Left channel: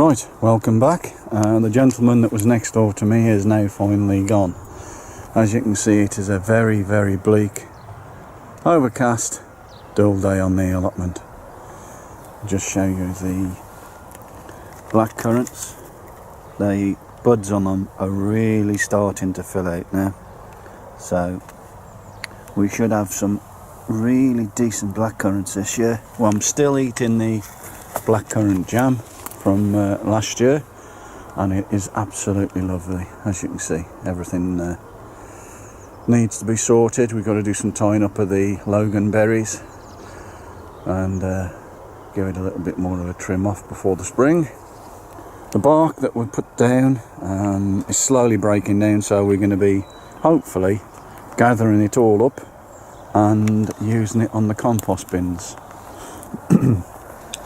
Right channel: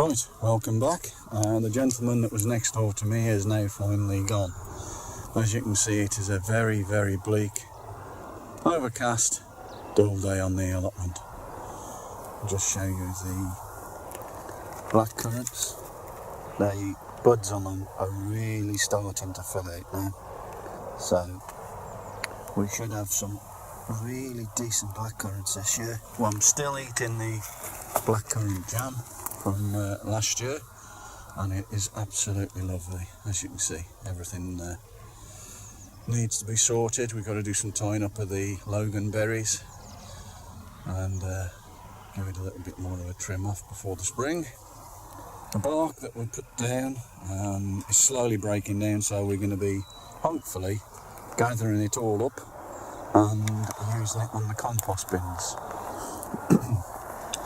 Right, welcome back. The gentleman that was next door to me is now finally gone. As you can see, it is a very, very bleak, overcast, dull day on the allotment. I'll just show you the black currants. The buds on them are really starting to fill out now. So we should have some really decent black currants this year. Well, I'm still eating the blackcurrant jam from last year, and it is absolutely lovely. As you can see, everything needs to be sorted. We've got to do some tying up of the Logan berries and give it a little bit more of a trim off before the spring. The bark that we put down is slowly breaking down, so we're going to be hopefully gathering it all up and using it on the compost bins.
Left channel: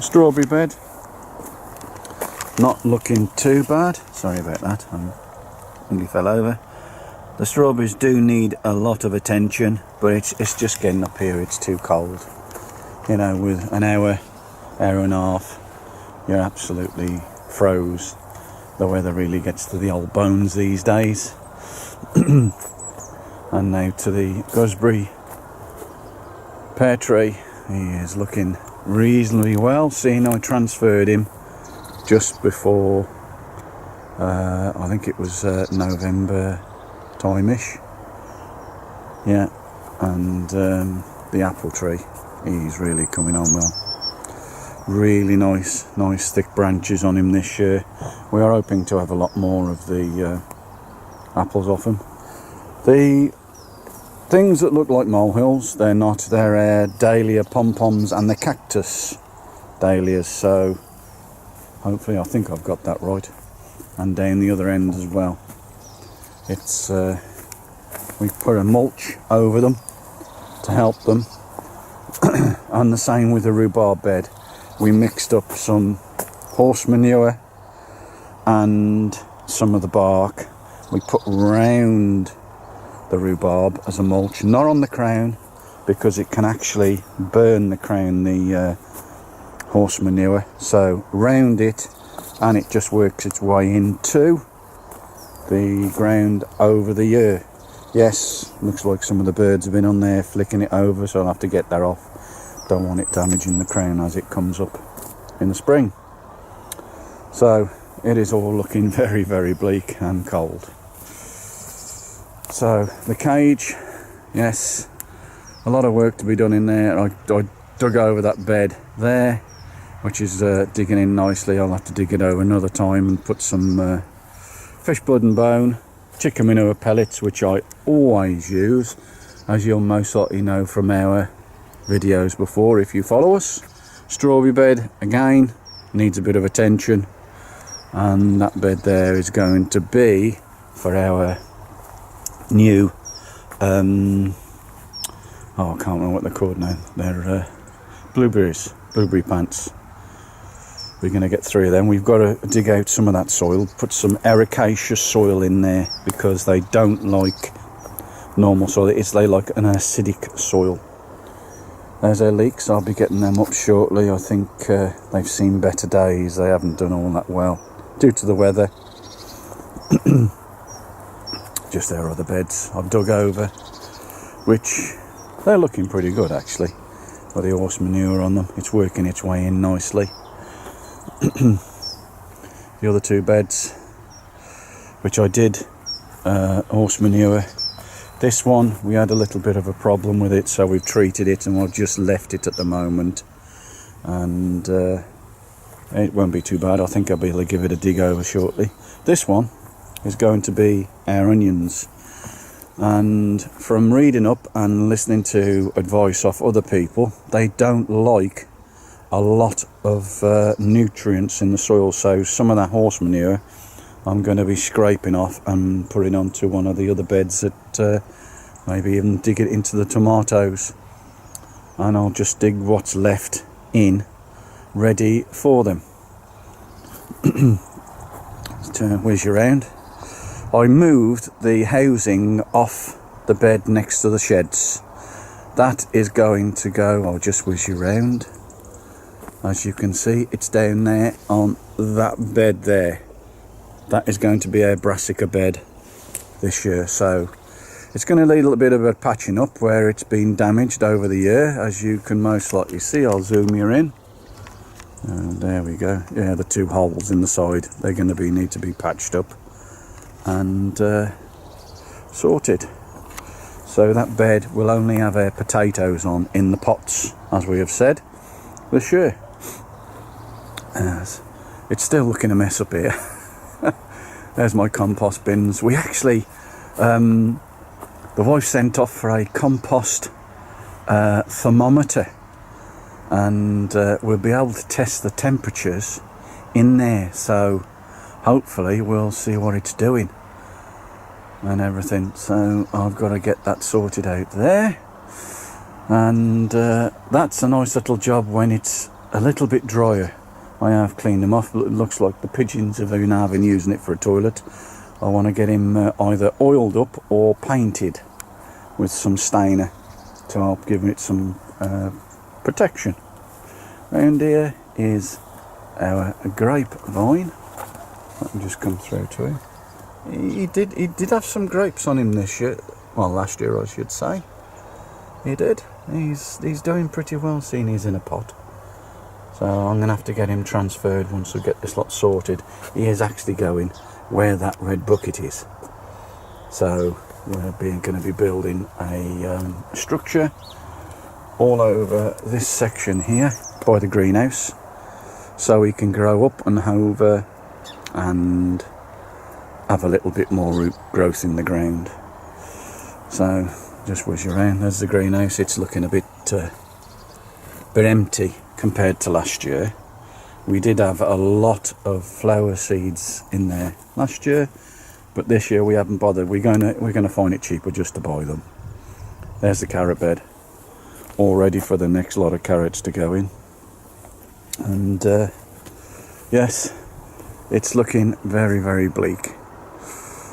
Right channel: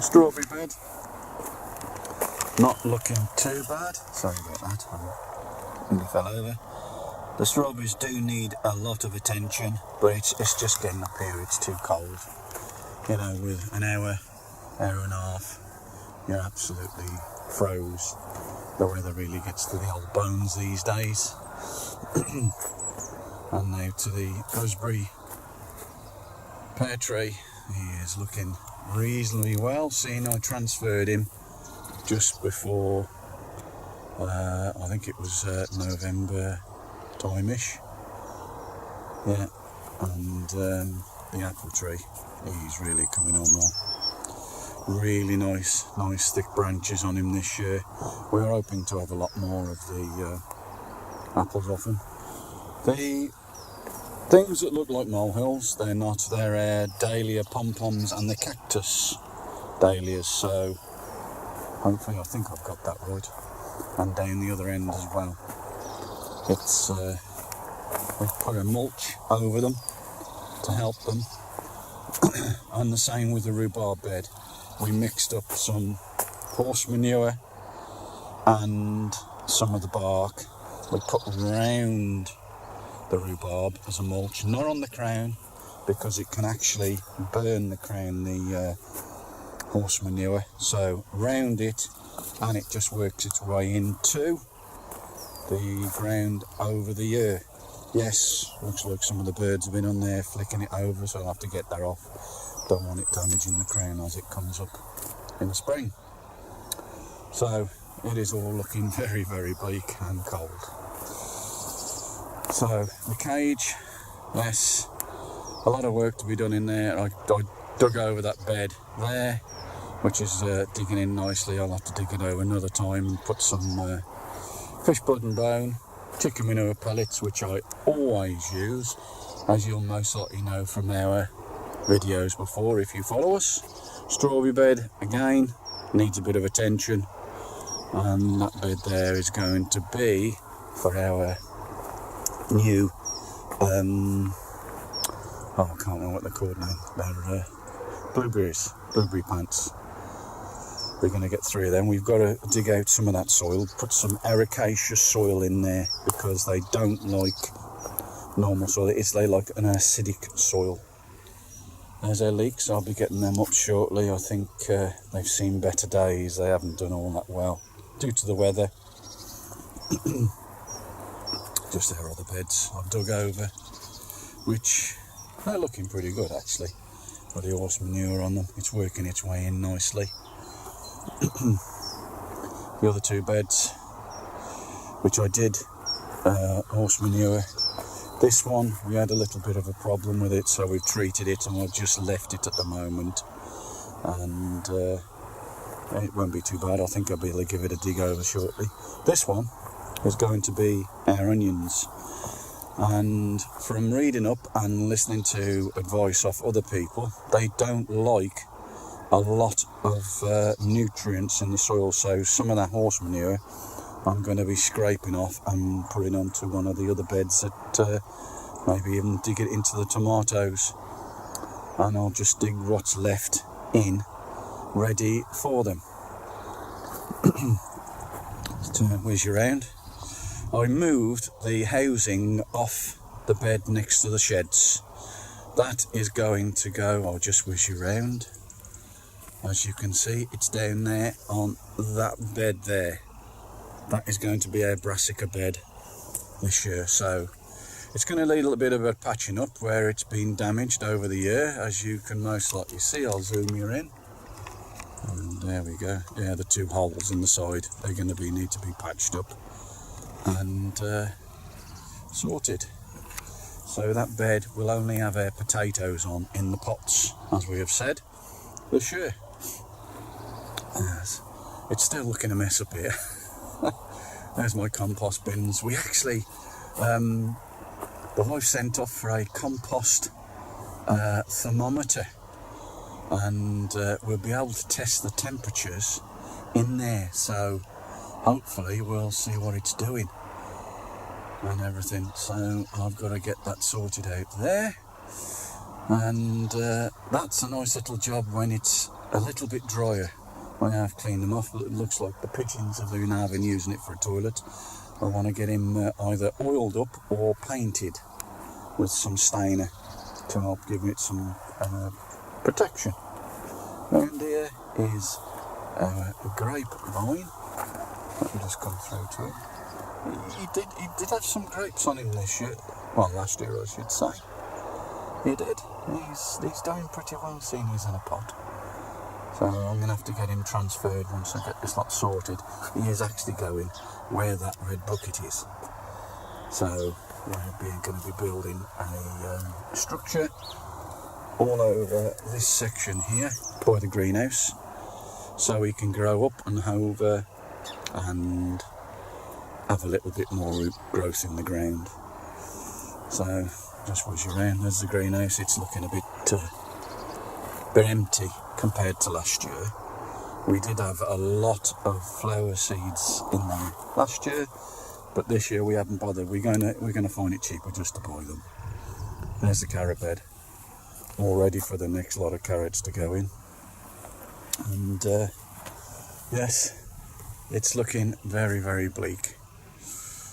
Strawberry bed, not looking too bad. Sorry about that, I nearly fell over. The strawberries do need a lot of attention, but it's just getting up here, it's too cold. You know, with an hour and a half, you're absolutely froze. The weather really gets to the old bones these days. And now to the gooseberry pear tree. He is looking reasonably well, seeing I transferred him just before I think it was November time-ish, yeah, and the apple tree, he's really coming on well. Really nice thick branches on him this year. We are hoping to have a lot more of the apples off him. The things that look like molehills, they're not, they're dahlia pom-poms and the cactus dahlias, so hopefully, I think I've got that right. And down the other end as well. It's we put a mulch over them to help them. And the same with the rhubarb bed. We mixed up some horse manure and some of the bark we put round the rhubarb as a mulch, not on the crown, because it can actually burn the crown, the horse manure. So round it, and it just works its way into the ground over the year. Yes, looks like some of the birds have been on there flicking it over, so I'll have to get that off. Don't want it damaging the crown as it comes up in the spring. So it is all looking very, very bleak and cold. So the cage, yes, a lot of work to be done in there. I dug over that bed there, which is digging in nicely. I'll have to dig it over another time and put some fish blood and bone, chicken manure pellets, which I always use, as you'll most likely know from our videos before if you follow us. Strawberry bed, again, needs a bit of attention, and that bed there is going to be for our new I can't remember what they're called now. They're blueberry plants. We're going to get 3 of them. We've got to dig out some of that soil, put some ericaceous soil in there, because they don't like normal soil. They like an acidic soil. There's our leeks. I'll be getting them up shortly. I think they've seen better days. They haven't done all that well due to the weather. Just their other beds I've dug over, which they're looking pretty good actually. Got the horse manure on them. It's working its way in nicely. The other 2 beds, which I did horse manure. This one, we had a little bit of a problem with it, so we've treated it and I've just left it at the moment. And it won't be too bad. I think I'll be able to give it a dig over shortly. This one is going to be our onions. And from reading up and listening to advice off other people, they don't like a lot of nutrients in the soil, so some of that horse manure I'm going to be scraping off and putting onto one of the other beds that maybe even dig it into the tomatoes, and I'll just dig what's left in ready for them. Let's turn and whiz you around. I moved the housing off the bed next to the sheds. That is going to go, I'll just whiz you around. As you can see, it's down there on that bed there. That is going to be our brassica bed this year, so it's going to need a little bit of a patching up where it's been damaged over the year, as you can most likely see. I'll zoom you in. And there we go. Yeah, the 2 holes in the side, they're going to need to be patched up and sorted. So that bed will only have our potatoes on in the pots, as we have said, this year. As it's still looking a mess up here. There's my compost bins. We actually, the wife sent off for a compost thermometer, and we'll be able to test the temperatures in there. So hopefully we'll see what it's doing and everything. So I've got to get that sorted out there, and that's a nice little job when it's a little bit drier. I have cleaned them off. It looks like the pigeons have been using it for a toilet. I want to get him either oiled up or painted with some stainer to help give it some protection. Round here is our grapevine. Let me just come through to him. He did have some grapes on him this year. Well, last year I should say. He did. He's doing pretty well, seeing he's in a pot. So I'm going to have to get him transferred once I get this lot sorted. He is actually going where that red bucket is. So we're going to be building a structure all over this section here by the greenhouse, so he can grow up and over and have a little bit more root growth in the ground. So just whiz around. There's the greenhouse. It's looking a bit empty compared to last year. We did have a lot of flower seeds in there last year, but this year we haven't bothered. We're gonna find it cheaper just to buy them. There's the carrot bed, all ready for the next lot of carrots to go in. And yes, it's looking very, very bleak.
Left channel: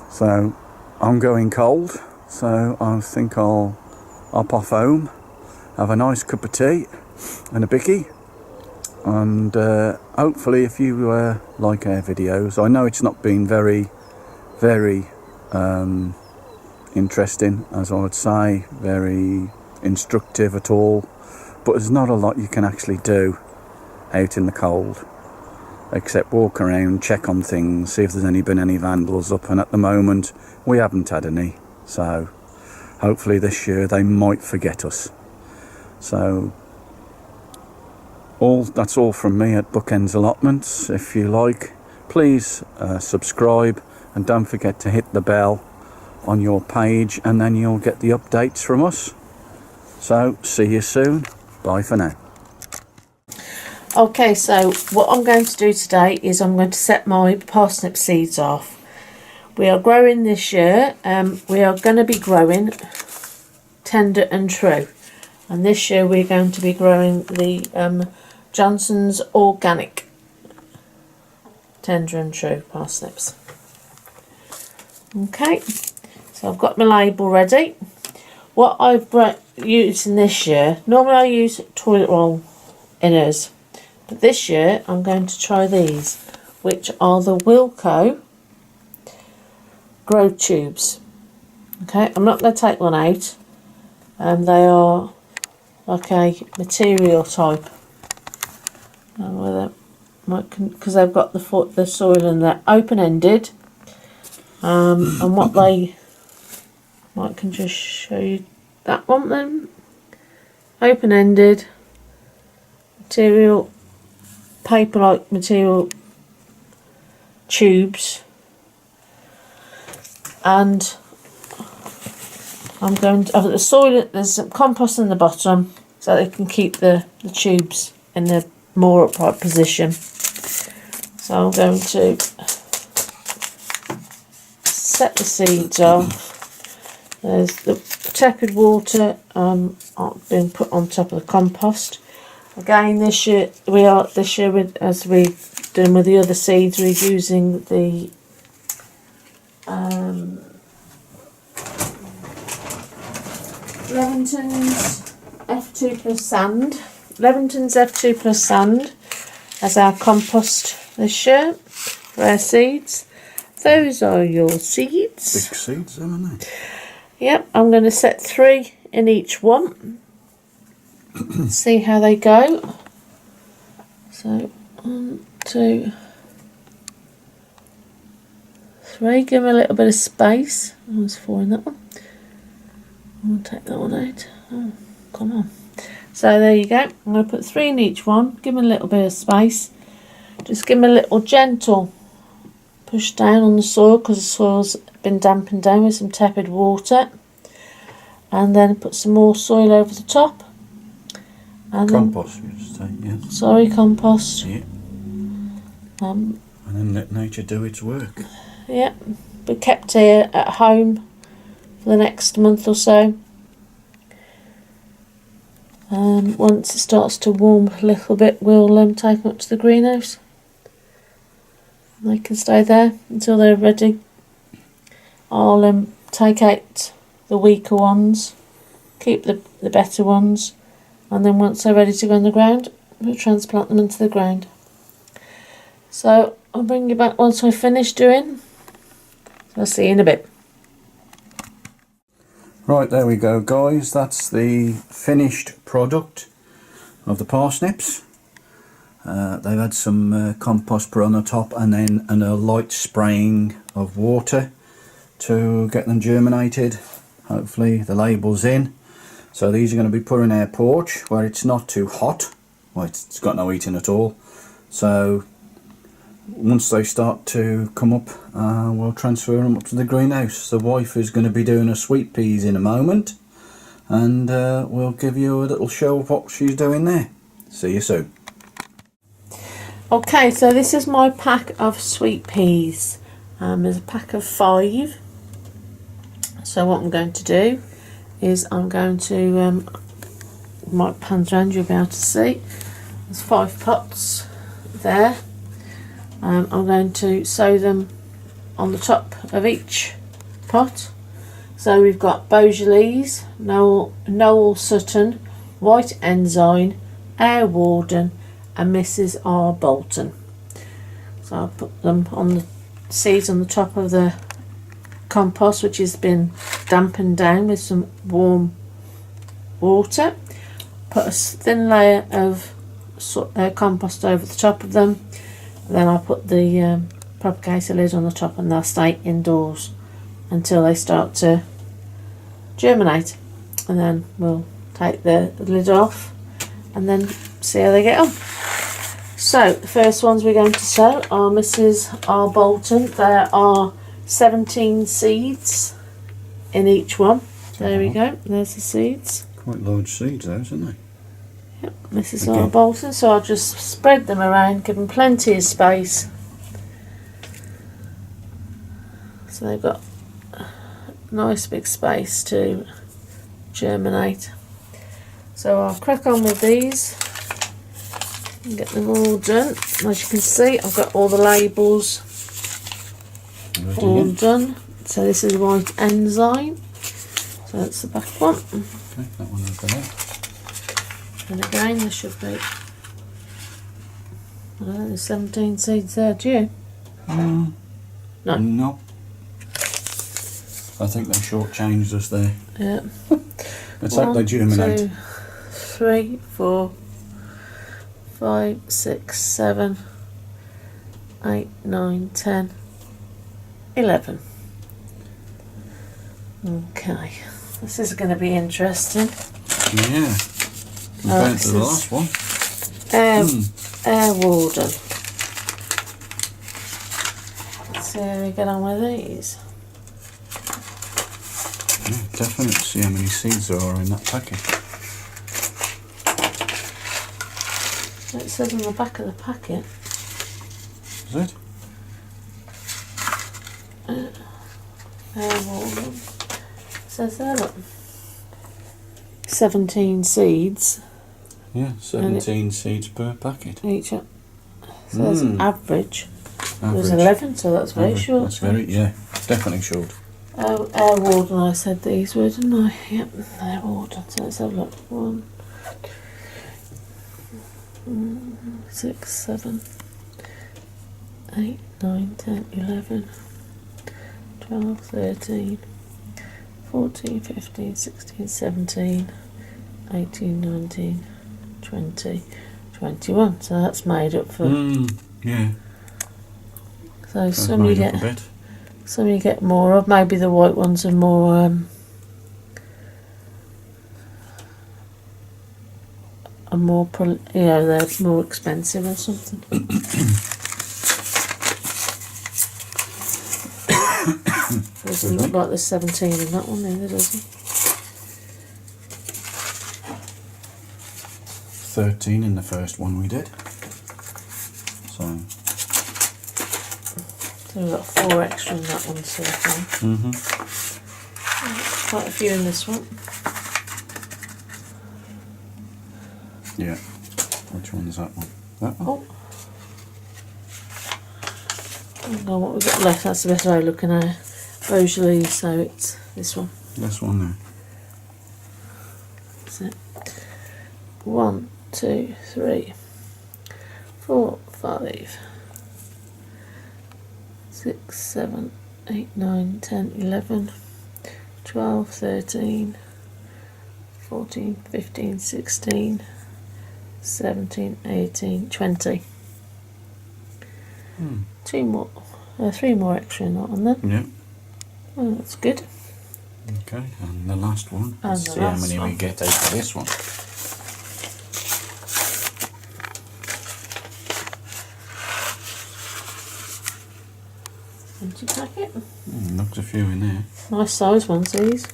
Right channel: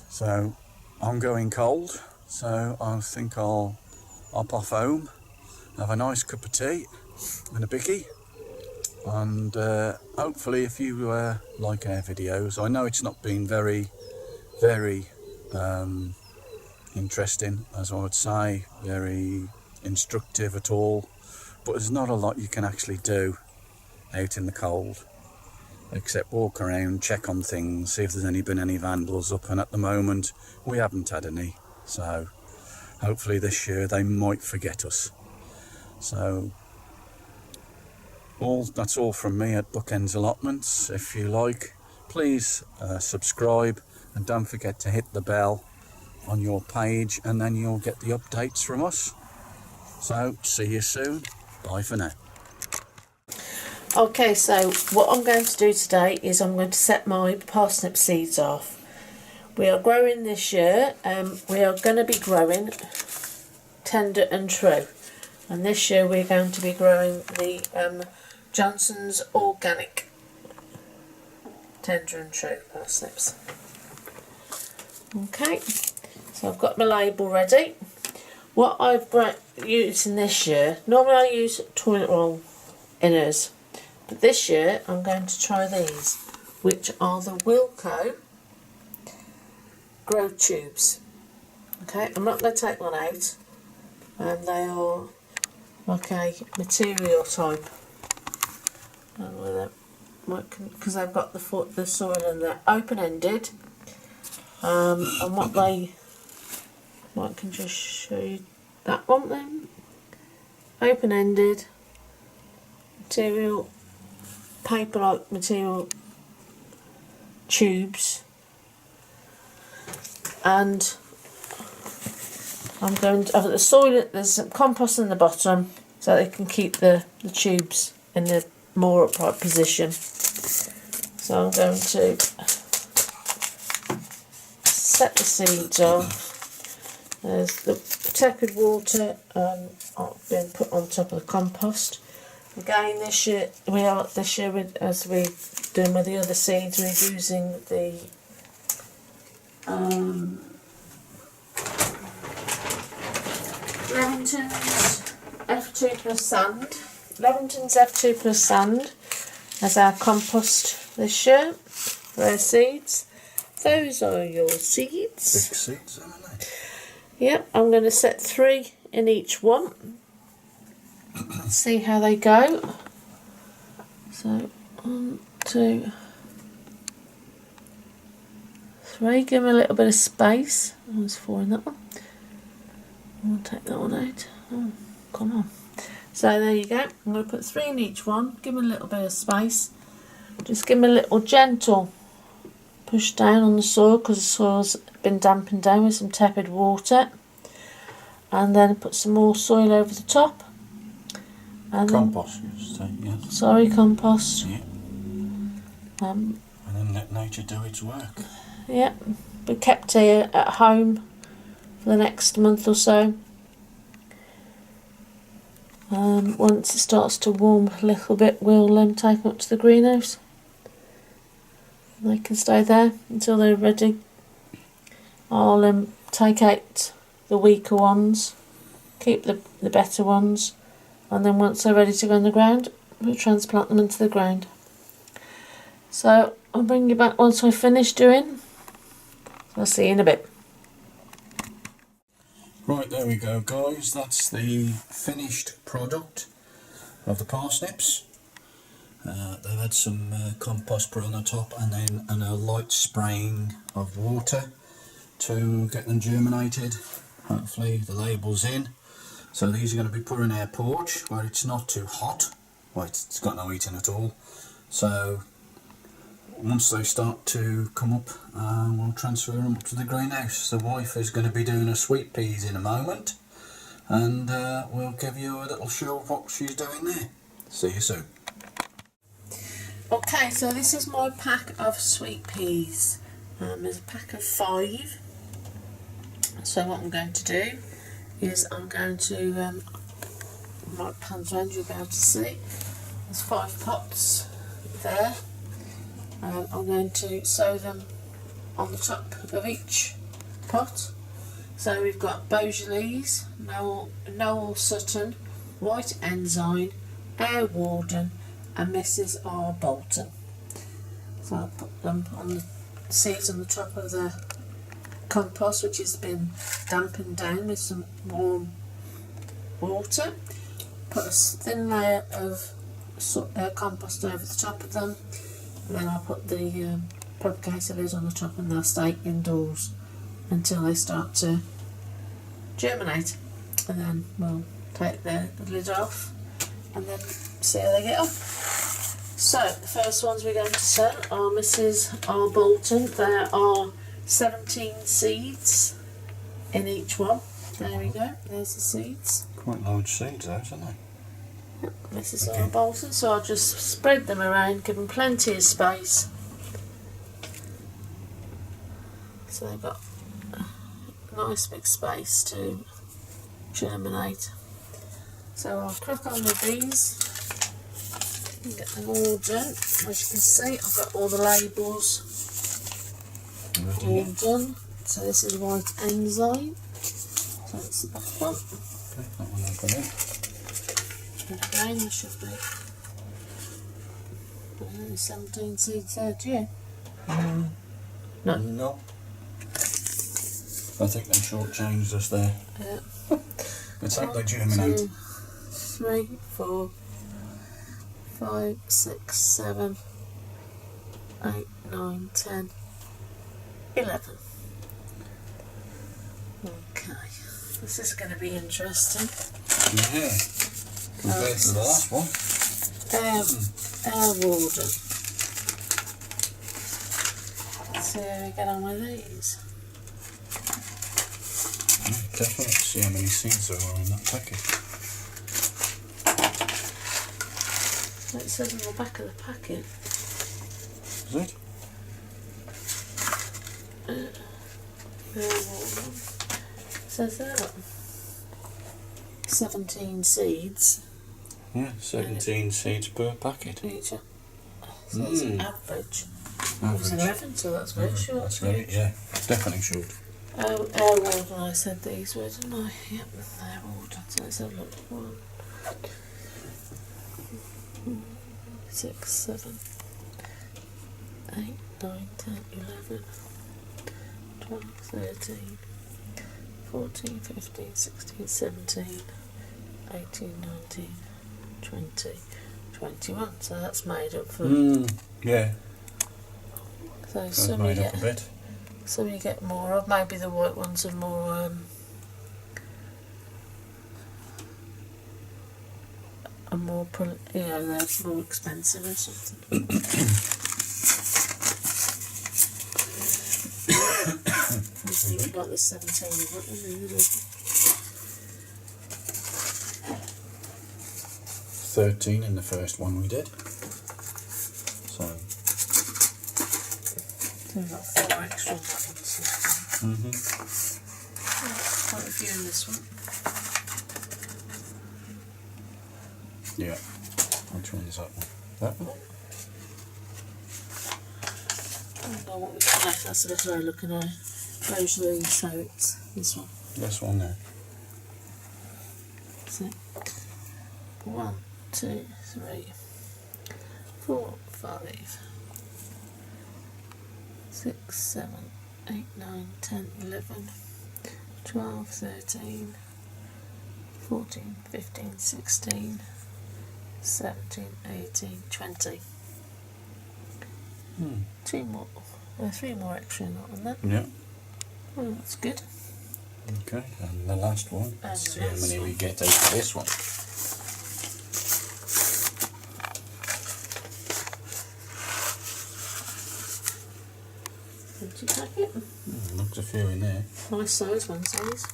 So I'm going cold, so I think I'll hop off home, have a nice cup of tea and a bicky, and hopefully if you like our videos. I know it's not been very interesting, as I would say, very instructive at all, but there's not a lot you can actually do out in the cold except walk around, check on things, see if there's been any vandals up, and at the moment we haven't had any, so hopefully this year they might forget us. So that's all from me at Bookends Allotments. If you like, please subscribe, and don't forget to hit the bell on your page, and then you'll get the updates from us. So see you soon. Bye for now. Okay, so what I'm going to do today is I'm going to set my parsnip seeds off. We are growing this year, we are going to be growing tender and true, and this year we're going to be growing the Johnson's Organic tender and true parsnips. Okay, so I've got my label ready. What I've using this year, normally I use toilet roll inners, but this year I'm going to try these, which are the Wilco grow tubes. Okay, I'm not going to take one out, and they are like a material type, because they've got the soil and they're open-ended, and what they, I can just show you that one then, open-ended material, paper-like material tubes, and I'm going to have the soil, there's some compost in the bottom so they can keep the tubes in a more upright position. So I'm going to set the seeds off. There's the tepid water being put on top of the compost. Again, this year as we're doing with the other seeds, we're using the Levington's F2 plus sand. Levington's F2 plus sand. as our compost this year for our seeds. Those are your seeds. Big seeds, aren't they? Yep, I'm going to set 3 in each one. See how they go. So 1, 2, 3. Give them a little bit of space. There's 4 in that one. I'll take that one out. Oh, come on. So there you go. I'm going to put 3 in each one. Give them a little bit of space. Just give them a little gentle push down on the soil because the soil's been dampened down with some tepid water. And then put some more soil over the top. And compost, you just say, yeah. Sorry, compost. Yeah. And then let nature do its work. Yeah. Be kept here at home for the next month or so. Once it starts to warm a little bit, we'll take them up to the greenhouse. They can stay there until they're ready. I'll take out the weaker ones, keep the better ones, and then once they're ready to go in the ground, we'll transplant them into the ground. So I'll bring you back once I finish doing. So I'll see you in a bit. Right, there we go, guys. That's the finished product of the parsnips. They've had some compost put on the top and then a light spraying of water to get them germinated. Hopefully the label's in. So these are going to be put in our porch where it's not too hot. Well, it's got no heating at all. So once they start to come up, we'll transfer them up to the greenhouse. The wife is going to be doing her sweet peas in a moment, and we'll give you a little show of what she's doing there. See you soon. Okay, so this is my pack of sweet peas. There's a pack of 5. So what I'm going to do is I'm going to, might pan around, you'll be able to see. There's 5 pots there. I'm going to sow them on the top of each pot. So we've got Beaujolais, Noel Sutton, White Ensign, Air Warden and Mrs. R. Bolton. So I'll put them on the seeds on the top of the compost, which has been dampened down with some warm water. Put a thin layer of compost over the top of them. Then I'll put the propagator lid on the top and they'll stay indoors until they start to germinate. And then we'll take the lid off and then see how they get on. So the first ones we're going to sow are Mrs. R. Bolton. There are 17 seeds in each one. There we go, there's the seeds. Quite large seeds those, aren't they? Yep, Mrs. R. Bolton. So I'll just spread them around, give them plenty of space. So they've got a nice big space to germinate. So I'll crack on with these and get them all done. As you can see, I've got all the labels all done. So this is White Ensign. So that's the back one. Okay, that one I've got out. And again, there should be, I don't know, there's 17 seeds there, do you? No. No. I think they shortchanged us there. Yeah. Let's hope they germinate. 2, 3, 4, 5, 6, 7, 8, 9, 10, 11. Okay, this is going to be interesting. Yeah, compared to the last one. Air Warden. Let's see how we get on with these. Yeah, definitely see how many seeds there are in that packet. It says on the back of the packet. Is it? Air Warden. It says there, look. 17 seeds. Yeah, 17 seeds per packet. Each. So that's an average. It was Average. 11, so that's very short. That's very, yeah, definitely short. Air Warden, I said these were, didn't I? Yep, Air Warden. So let's have a look. 1, 6, 7, 8, 9, 10, 11, 12, 13, 14, 15, 16, 17, 18, 19, 20, 21. So that's made up for. Yeah. So some you get, a bit. some you get more of. Maybe the white ones are more. Are more, they're more expensive or something. Doesn't look like there's 17 in that one either, does it? 13 in the first one we did. So we've got 4 extra in that one so far. Quite a few in this one. Yeah. Which one is that one? That one? Oh. I don't know what we've got left, that's the best way of looking at it. Beaujolais, so it's this one. This one there. That's it. 1, 2, 3, 4, 5, 6, 7, 8, 9, 10, 11, 12, 13, 14, 15, 16, 17, 18, 20. 2 more, 3 more extra in that one then. Yeah. Oh, that's good. Okay, and the last one. And Let's see how many we get out of this one. Empty packet. Looks a few in there. Nice size ones these.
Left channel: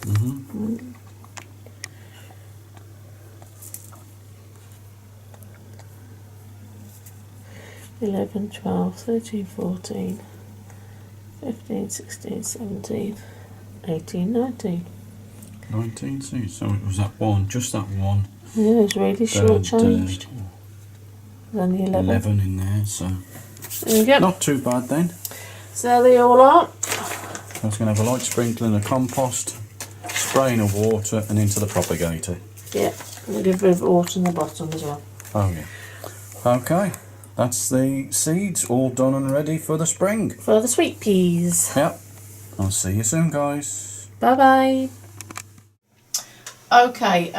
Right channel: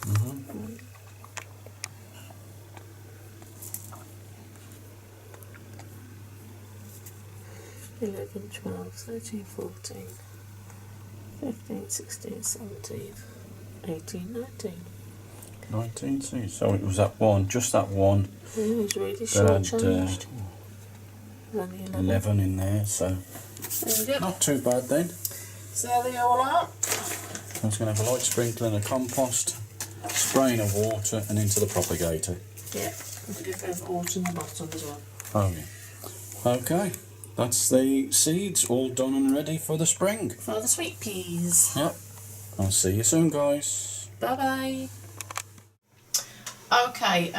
11, 12, 13, 14, 15, 16, 17, 18, 19. 19 seeds. So it was that one, just that one. Yeah, it was really short changed. There's only 11 in there, so there we go. not too bad then. So there they all are. I was going to have a light sprinkling of compost, spraying of water and into the propagator. Yeah, we'll give a bit of water in the bottom as well. Oh yeah. Okay, that's the seeds all done and ready for the spring. For the sweet peas. Yep. I'll see you soon, guys. Bye bye. Okay,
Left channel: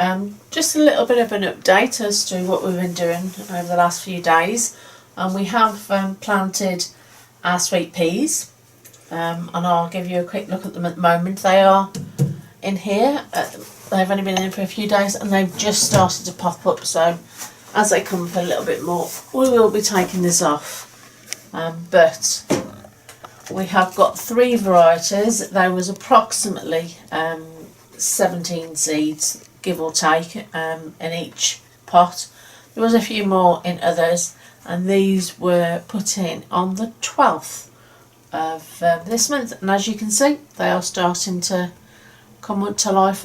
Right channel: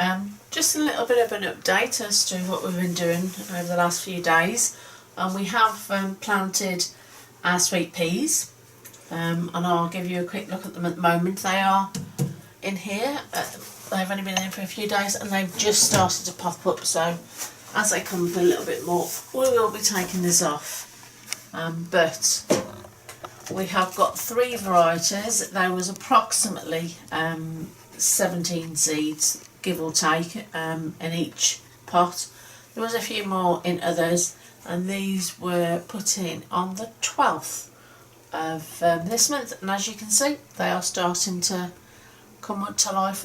just a little bit of an update as to what we've been doing over the last few days. We have planted our sweet peas, and I'll give you a quick look at them at the moment. They are in here. They've only been in for a few days and they've just started to pop up, so as they come up a little bit more we will be taking this off. But we have got 3 varieties. There was approximately 17 seeds, give or take, in each pot. There was a few more in others, and these were put in on the 12th of this month, and as you can see they are starting to come up to life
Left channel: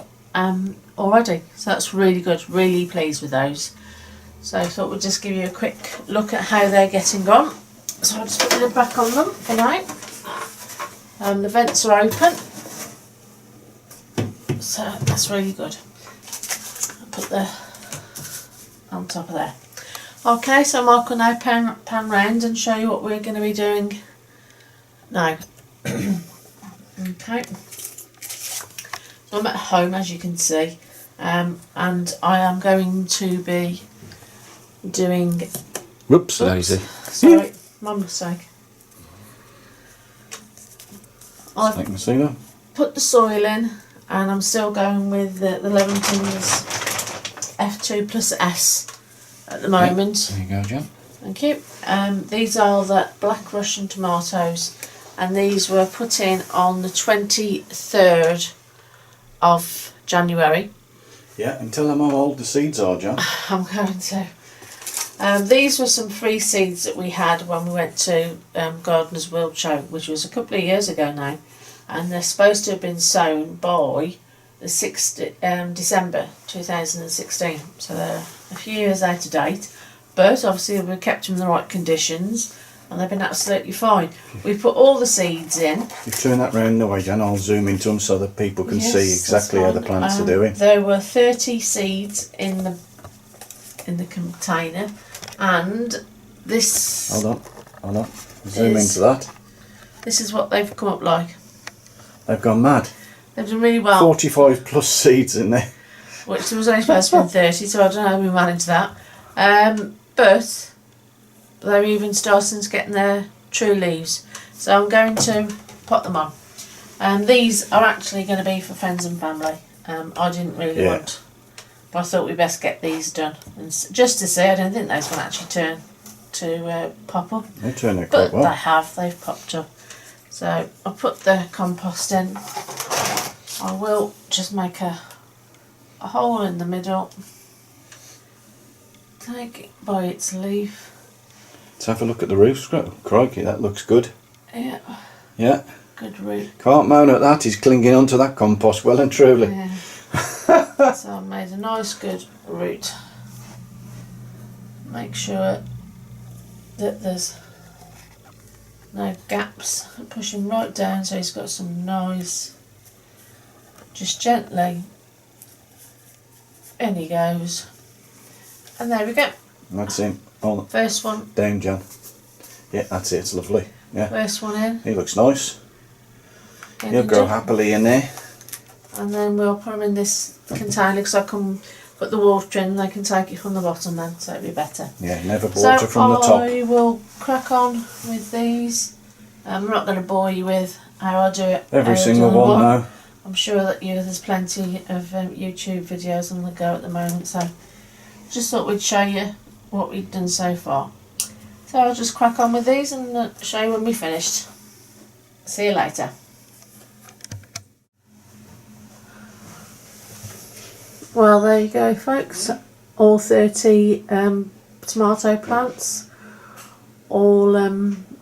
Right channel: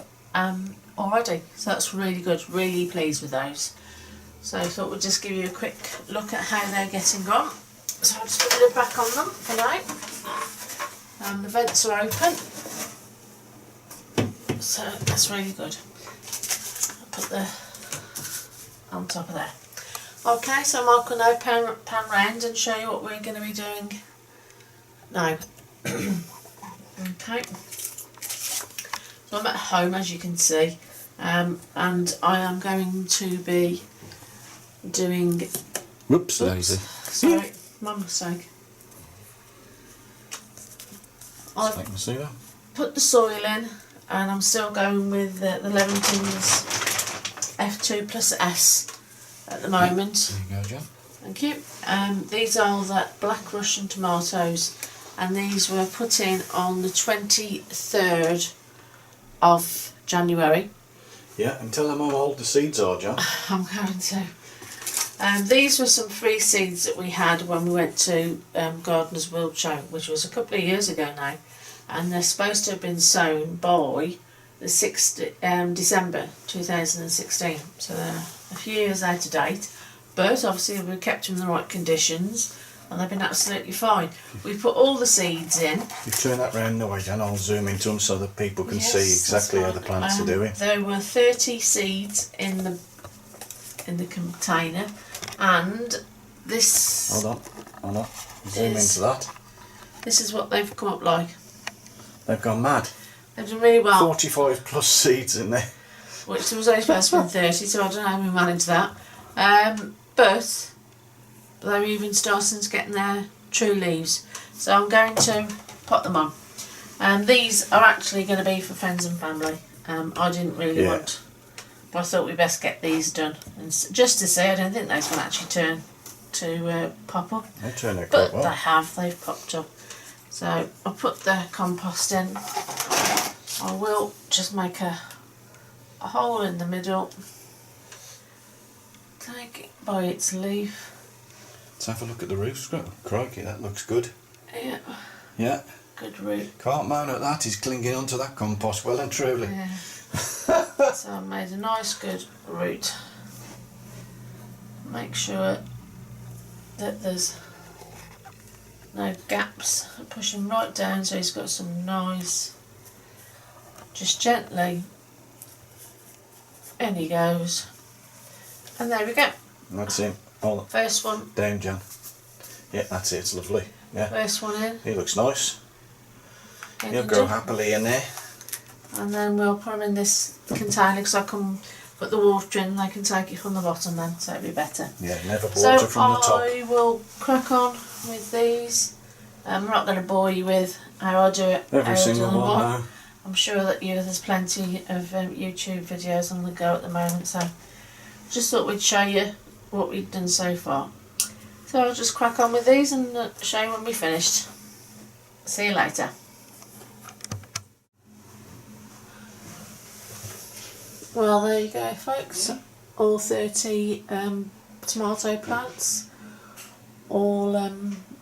already, so that's really good. Really pleased with those. So I thought we'd just give you a quick look at how they're getting on. So I'll just put the lid back on them for now. The vents are open, so that's really good. I'll put the on top of there. Okay, so Mark will now pan round and show you what we're going to be doing now. Okay, so I'm at home, as you can see, and I am going to be doing... Whoops, lazy. Sorry, my mistake. I can see that. Put the soil in, and I'm still going with the Levington's F2 plus S at the moment. There you go, Jen. Thank you. These are the Black Russian tomatoes, and these were put in on the 23rd of January. Yeah, and tell them how old the seeds are, Jan. I'm going to. These were some free seeds that we had when we went to Gardener's World Show, which was a couple of years ago now, and they're supposed to have been sown by the 6th December 2016, so they're a few years out of date, but obviously we kept them in the right conditions and they've been absolutely fine. We put all the seeds in. You turn that round the way, Jan, I'll zoom into them so that people can see Yes, exactly how the that's plants are doing. There were 30 seeds in the container, And this... Hold on. Zoom into that. This is what they've come up like. They've gone mad. They've done really well. 45 plus seeds in there. Which there was only supposed to be 30, so I don't know how we managed that. But they're even starting to get their true leaves. So I'm going to pot them on. These are actually going to be for friends and family. I didn't really want, but I thought we'd best get these done. And just to see, I don't think those will actually turn to pop up. They turn out quite well. But they have, they've popped up. So I'll put the compost in. I will just make a hole in the middle. Take it by its leaf. Let's have a look at the root. Crikey, that looks good. Yeah. Yeah. Good root. Can't moan at that, he's clinging onto that compost well and truly. Yeah. So I've made a nice good root. Make sure that there's no gaps. Push him right down so he's got some nice, just gently, in he goes. And there we go. That's him. Hold on. First one. Down, Jan. Yeah, that's it, it's lovely. Yeah. First one in. He looks nice. He'll grow happily in there. And then we'll put them in this container because I can put the water in and they can take it from the bottom then, so it'll be better. Yeah, never water from the top. So I will crack on with these. I'm not going to bore you with how I do it. Every single one now. I'm sure that there's plenty of YouTube videos on the go at the moment, so just thought we'd show you what we've done so far. So I'll just crack on with these and show you when we're finished. See you later. Well, there you go, folks. All 30 tomato plants, all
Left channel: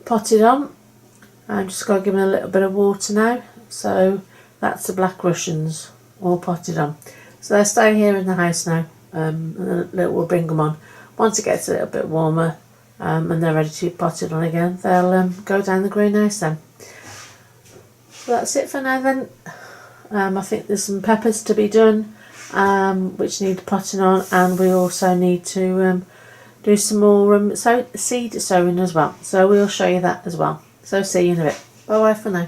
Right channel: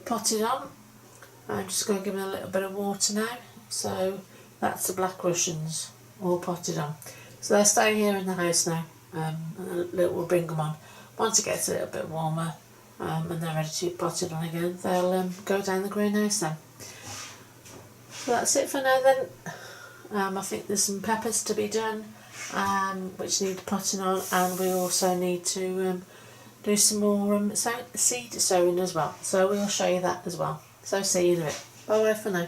potted on. I'm just going to give them a little bit of water now. So that's the Black Russians, all potted on. So they're staying here in the house now, and we'll bring them on. Once it gets a little bit warmer and they're ready to be potted on again, they'll go down the greenhouse then. So that's it for now then. I think there's some peppers to be done, which need potting on, and we also need to do some more seed sowing as well. So we'll show you that as well. So see you in a bit. Bye bye for now.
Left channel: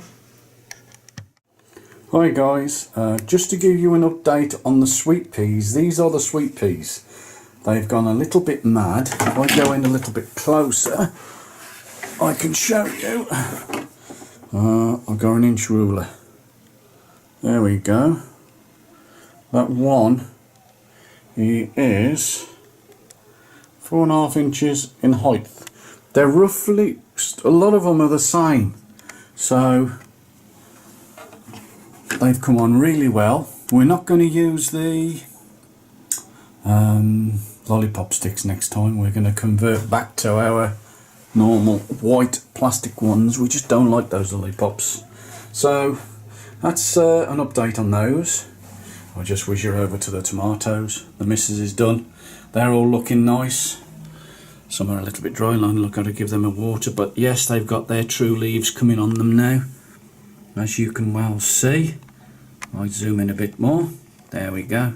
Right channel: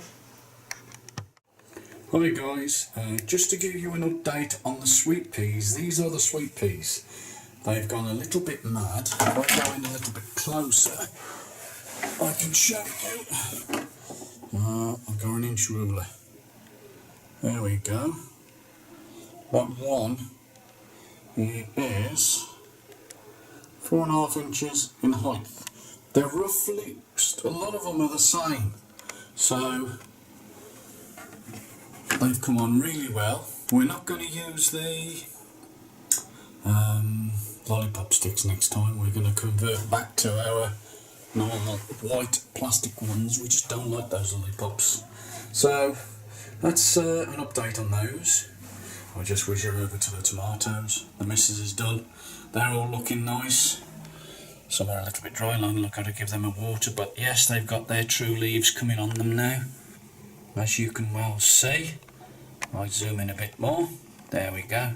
Hi guys, just to give you an update on the sweet peas. These are the sweet peas. They've gone a little bit mad. If I go in a little bit closer, I can show you. I'll go an inch ruler. There we go. That one, he is 4.5 inches in height. They're roughly, a lot of them are the same. So they've come on really well. We're not going to use the lollipop sticks next time. We're going to convert back to our normal white plastic ones. We just don't like those lollipops. So that's an update on those. I'll just whiz you over to the tomatoes. The missus is done. They're all looking nice. Some are a little bit dry, I've got to give them a water, but yes, they've got their true leaves coming on them now, as you can well see. I'll zoom in a bit more. There we go.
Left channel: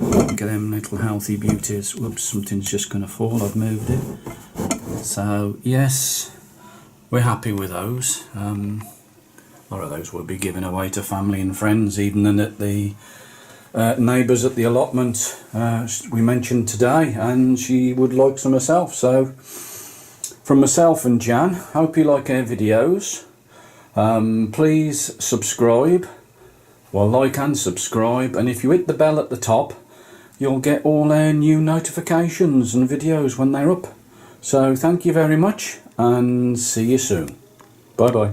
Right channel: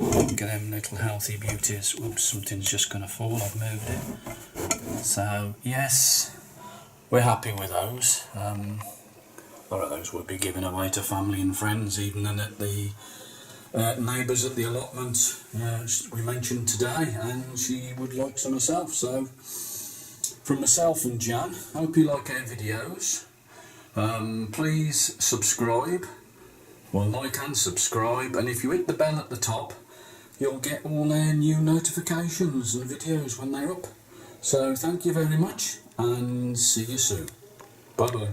Look at them little healthy beauties. Whoops, something's just going to fall, I've moved it. So yes, we're happy with those. A lot of those will be given away to family and friends, even then at the neighbours at the allotment we mentioned today, and she would like some herself. So from myself and Jan, hope you like our videos. Please subscribe, well, like and subscribe, and if you hit the bell at the top, you'll get all our new notifications and videos when they're up. So thank you very much, and see you soon. Bye bye.